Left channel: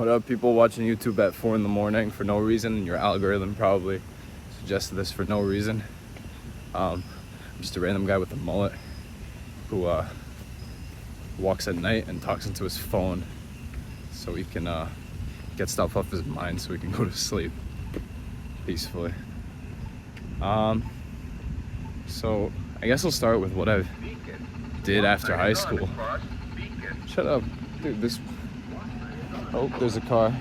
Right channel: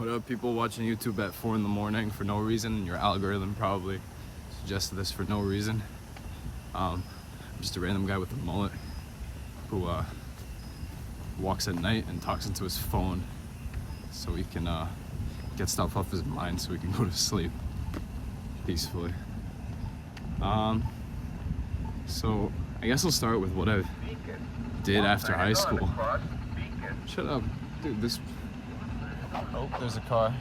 What up, people watching YouTube at 4 in the morning for no reason? Your algorithm probably suggested this for no reason. Just a random guy with a mullet who walks at night and talks into his phone so he can get stuff off his mind so he can go to sleep peacefully. So I guess I'll start with what I did after high school. Shut up, dude. Oh, there's a car.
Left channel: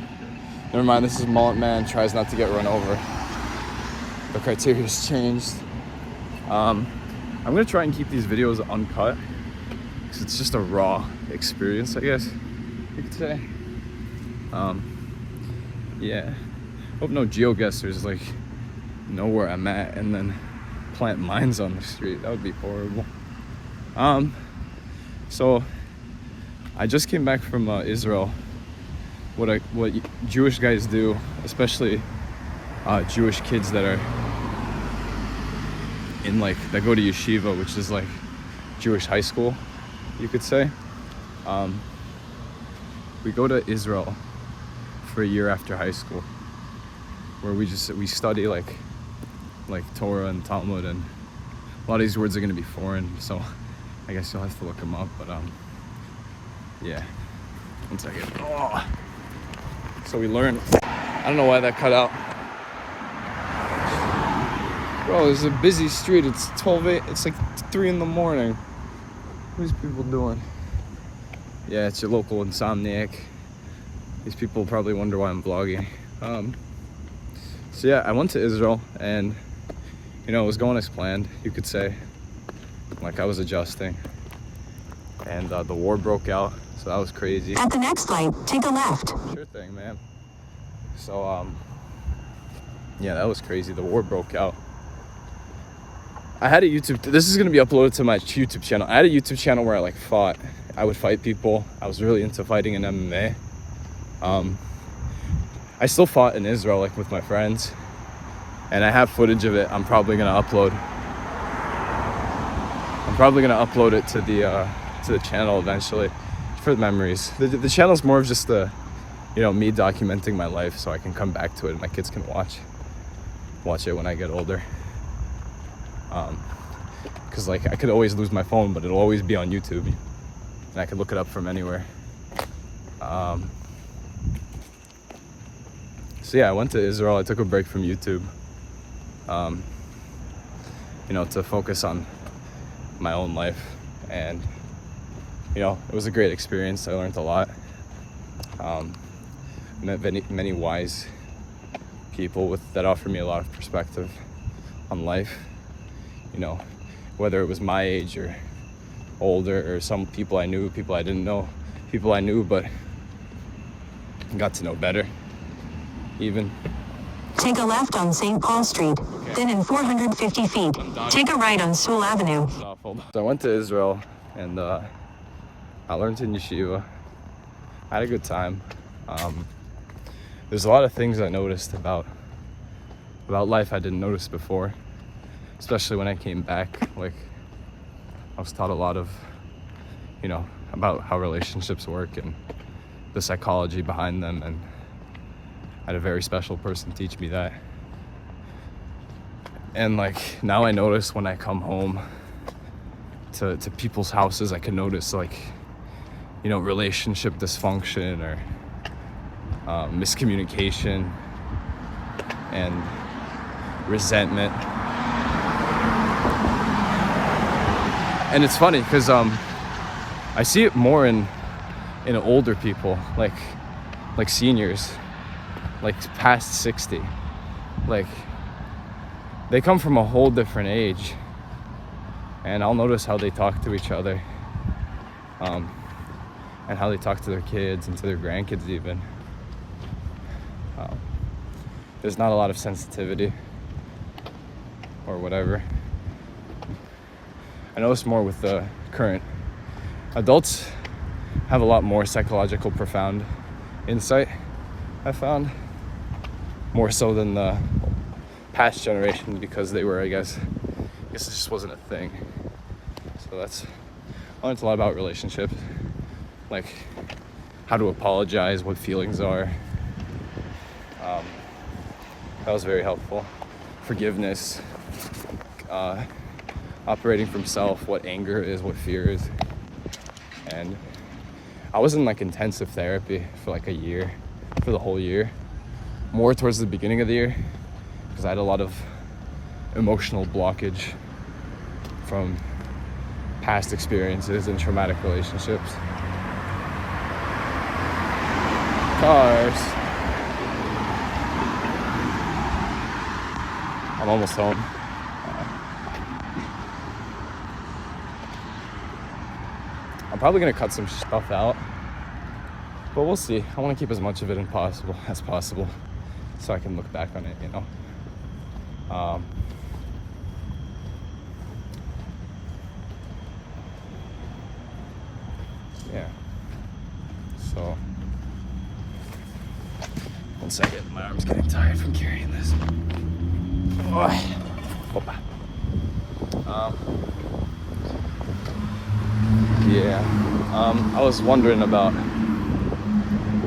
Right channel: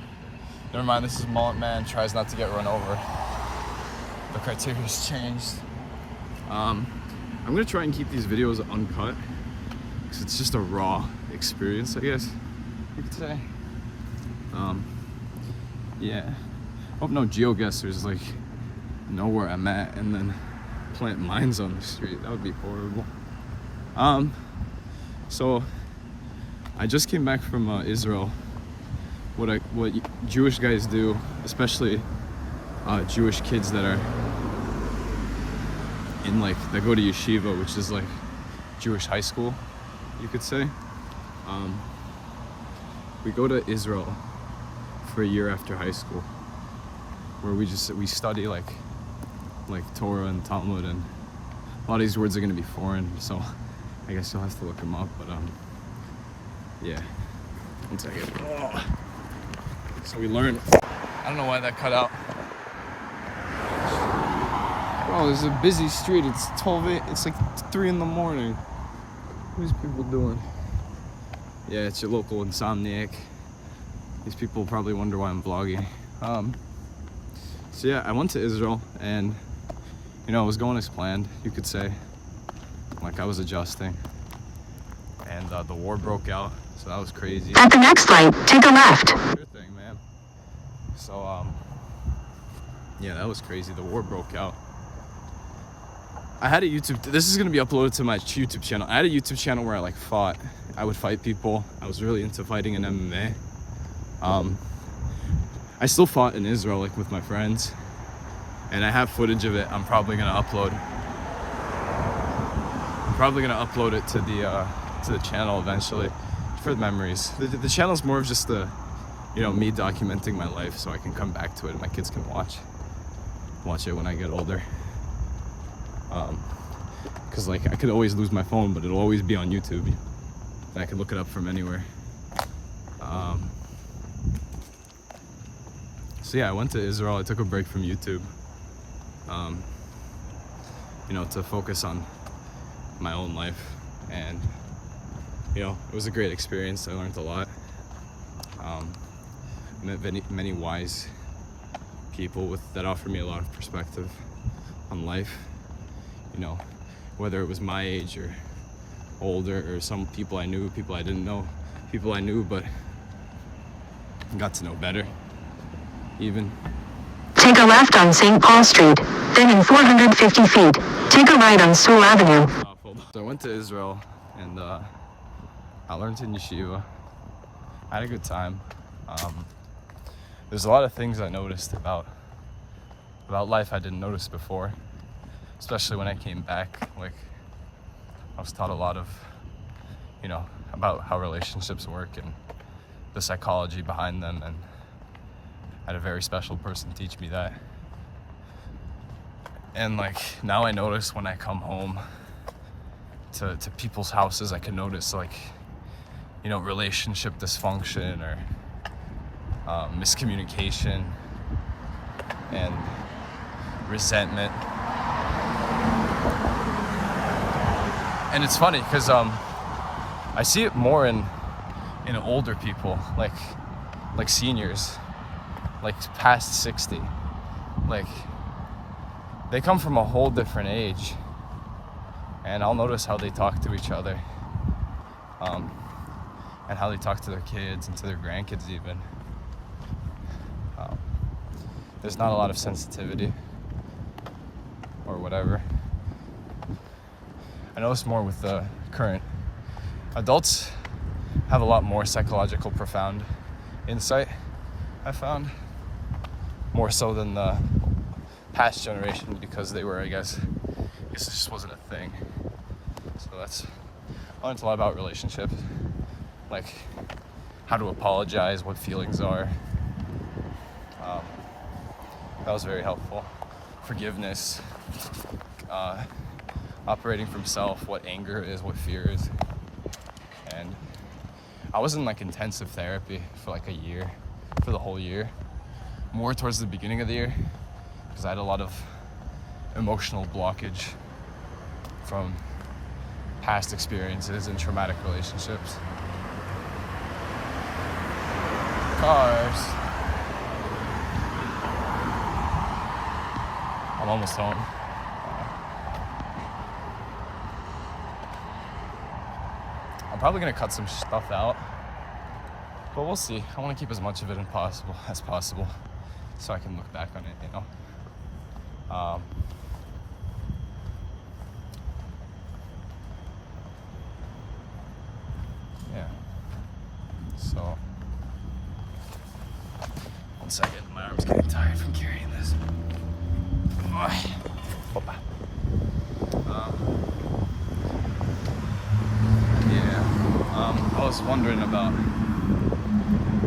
Never mind, this is Mullet Man, tries not to get run over. The criteria's changed. I'm gonna try and keep these videos uncut because it's just a raw experience, I guess you could say. Yeah. Hope no geoguessers like know where I'm at and then plant mines on the street. That would be horrible. So I just came back from Israel. What Jewish guys do, especially Jewish kids that are in that go to yeshiva, which is like Jewish high school, you could say. We go to Israel for a year after high school, where we study like Torah and Talmud, and a lot of these words are gonna be foreign, so I guess you'll have to look them up. But yeah. 1 second. Oh. So we learn. I don't know why that cut out. Bro, this is a busy street. It's 12:08. It's like 3 in the morning. What are these people doing? Yeah, it's your local insomniac. These people probably wonder why I'm vlogging. So yeah, I went to Israel and it was going as planned, you could say. Like I was adjusting. And the war broke out, so that was crazy. At the next light, take a left. Sure thing, man. So yeah, that was crazy. The war broke out. I had a YouTube, this is gonna be uploaded to my YouTube channel. I had a YouTube channel where I fought. I would fight people. I was really into fighting in MMA. I still fought in Israel with my friends, and I have footage of it. I'm probably gonna upload it to the channel eventually for the memories. The channel's more of just me documenting my life so I can come back to it and my kids can watch it when I get older. Because I could always lose my phone, but it'll always be on YouTube and I could look it up from anywhere. So yeah, I went to Israel. I took a break from YouTube to focus on my own life, and it was a great experience. I learned a lot. Met many wise people that offered me a lot of perspective on life, whether it was my age or older, or some people I knew, people I didn't know, people I knew but got to know better even. Take a left on St. Paul Street, then in 450 feet, take a right on Sewell Avenue. So I went to Israel and I learned in yeshiva. I had a good time. There's a lot of things I noticed about life I didn't notice before, especially when I came back. I was taught a lot of, about how relationships work and the psychology behind them, and I had a very special person teach me that. And now I notice when I come home to people's houses, I can notice relationship dysfunction or miscommunication and resentment. And it's funny because I see it more in older people, like seniors, past 60. They come from a whole different age, and I'll notice how they talk to each other, and how they talk to their kids and to their grandkids even. There's not a lot of sensitivity or whatever. I notice more with the current adults have a lot more psychological profound insight, I found, more so than the past generations, because they were, I guess it just wasn't a thing. So I learned a lot about relationships, how to apologize, what feelings are. That was very helpful. Forgiveness, operating from self, what anger is, what fear is. And I was in like intensive therapy for like a year, for the whole year. More towards the beginning of the year, because I had a lot of emotional blockage from past experiences and traumatic relationships. Cars. I'm almost home. I'm probably gonna cut some stuff out, but we'll see. I want to keep as much of it as possible, so I can look back on it, you know. Yeah. So, 1 second. My arm's getting tired from carrying this. Yeah. I was wondering about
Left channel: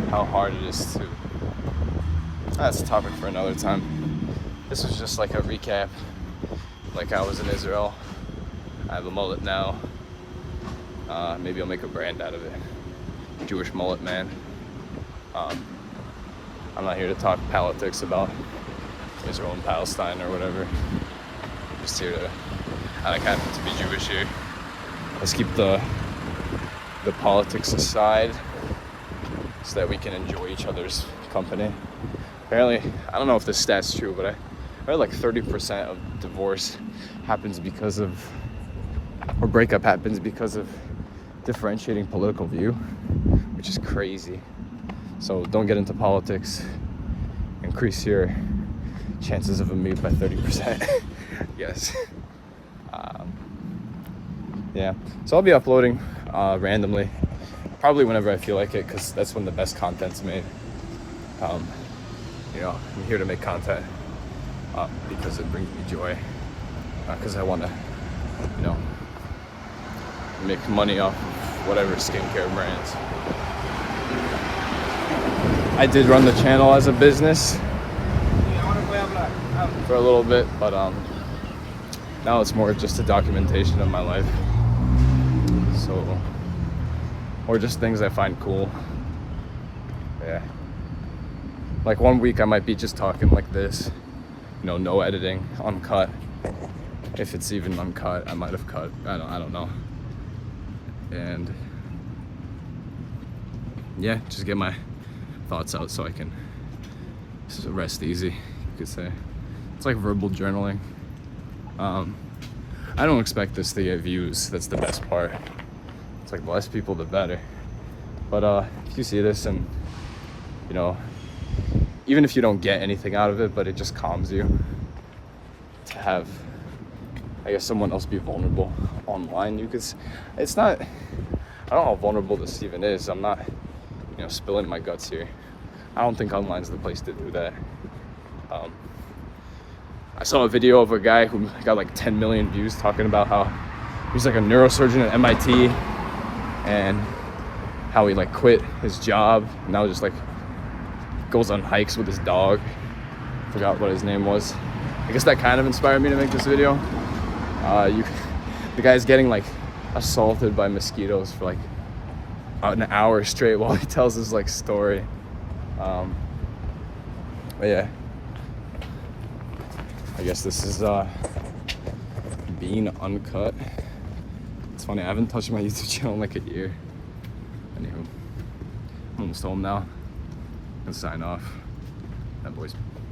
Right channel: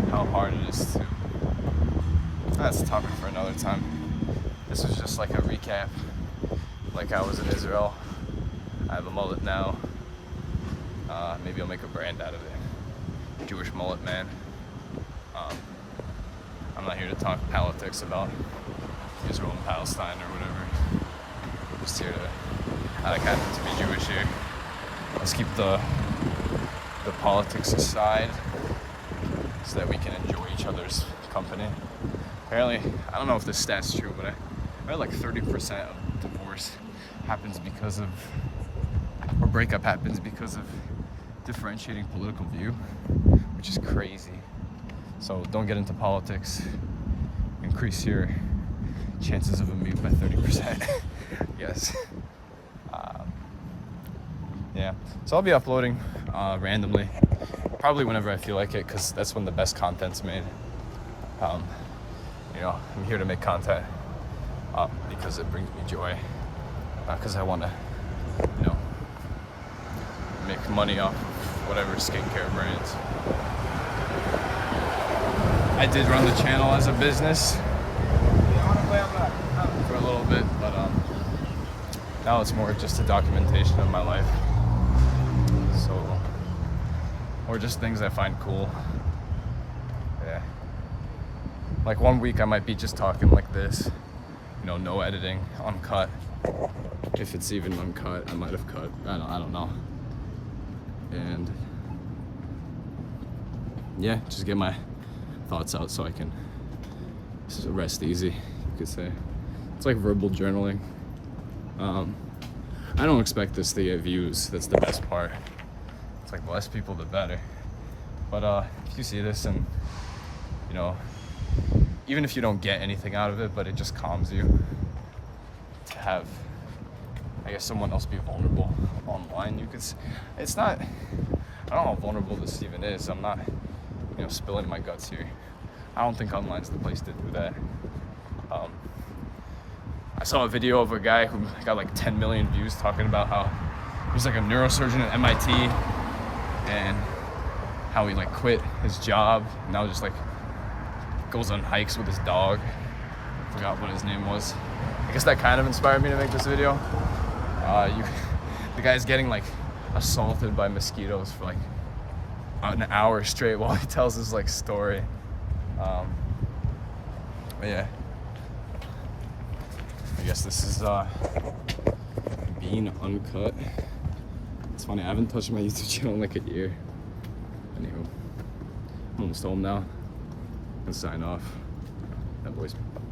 how hard it is to. That's a topic for another time. This was just like a recap. Like, I was in Israel. I have a mullet now. Maybe I'll make a brand out of it. Jewish mullet man. I'm not here to talk politics about Israel and Palestine or whatever. I'm just here to, I kind of to be Jewish here. Let's keep the politics aside so that we can enjoy each other's company. Apparently, I don't know if this stat's true, but I read like 30% of divorce happens because of, or breakup happens because of differentiating political view, which is crazy. So don't get into politics. Increase your chances of a mute by 30%. Yes. Yeah. So I'll be uploading randomly, probably whenever I feel like it, because that's when the best content's made. You know, I'm here to make content because it brings me joy. Because I want to, you know, make money off of whatever skincare brands. I did run the channel as a business for a little bit, but now it's more just a documentation of my life. So, or just things I find cool. Yeah. Like 1 week I might be just talking like this, you know, no editing, uncut. If it's even uncut, I might have cut. I don't know. And yeah, just get my thoughts out so I can rest easy, you could say. It's like verbal journaling. I don't expect this to get views. That's the best part. It's like, the less people, the better. But if you see this and, you know, even if you don't get anything out of it, but it just calms you to have, I guess, someone else be vulnerable online. It's not, I don't know how vulnerable this even is. I'm not, you know, spilling my guts here. I don't think online's the place to do that. I saw a video of a guy who got like 10 million views talking about how he's like a neurosurgeon at MIT and how he like quit his job and now just like goes on hikes with his dog. Forgot what his name was. I guess that kind of inspired me to make this video. The guy's getting like assaulted by mosquitoes for like an hour straight while he tells his like story. But yeah, I guess this is Bean Uncut. It's funny, I haven't touched my YouTube channel in like a year. Anywho, I'm almost home now. I'm gonna sign off. That boy's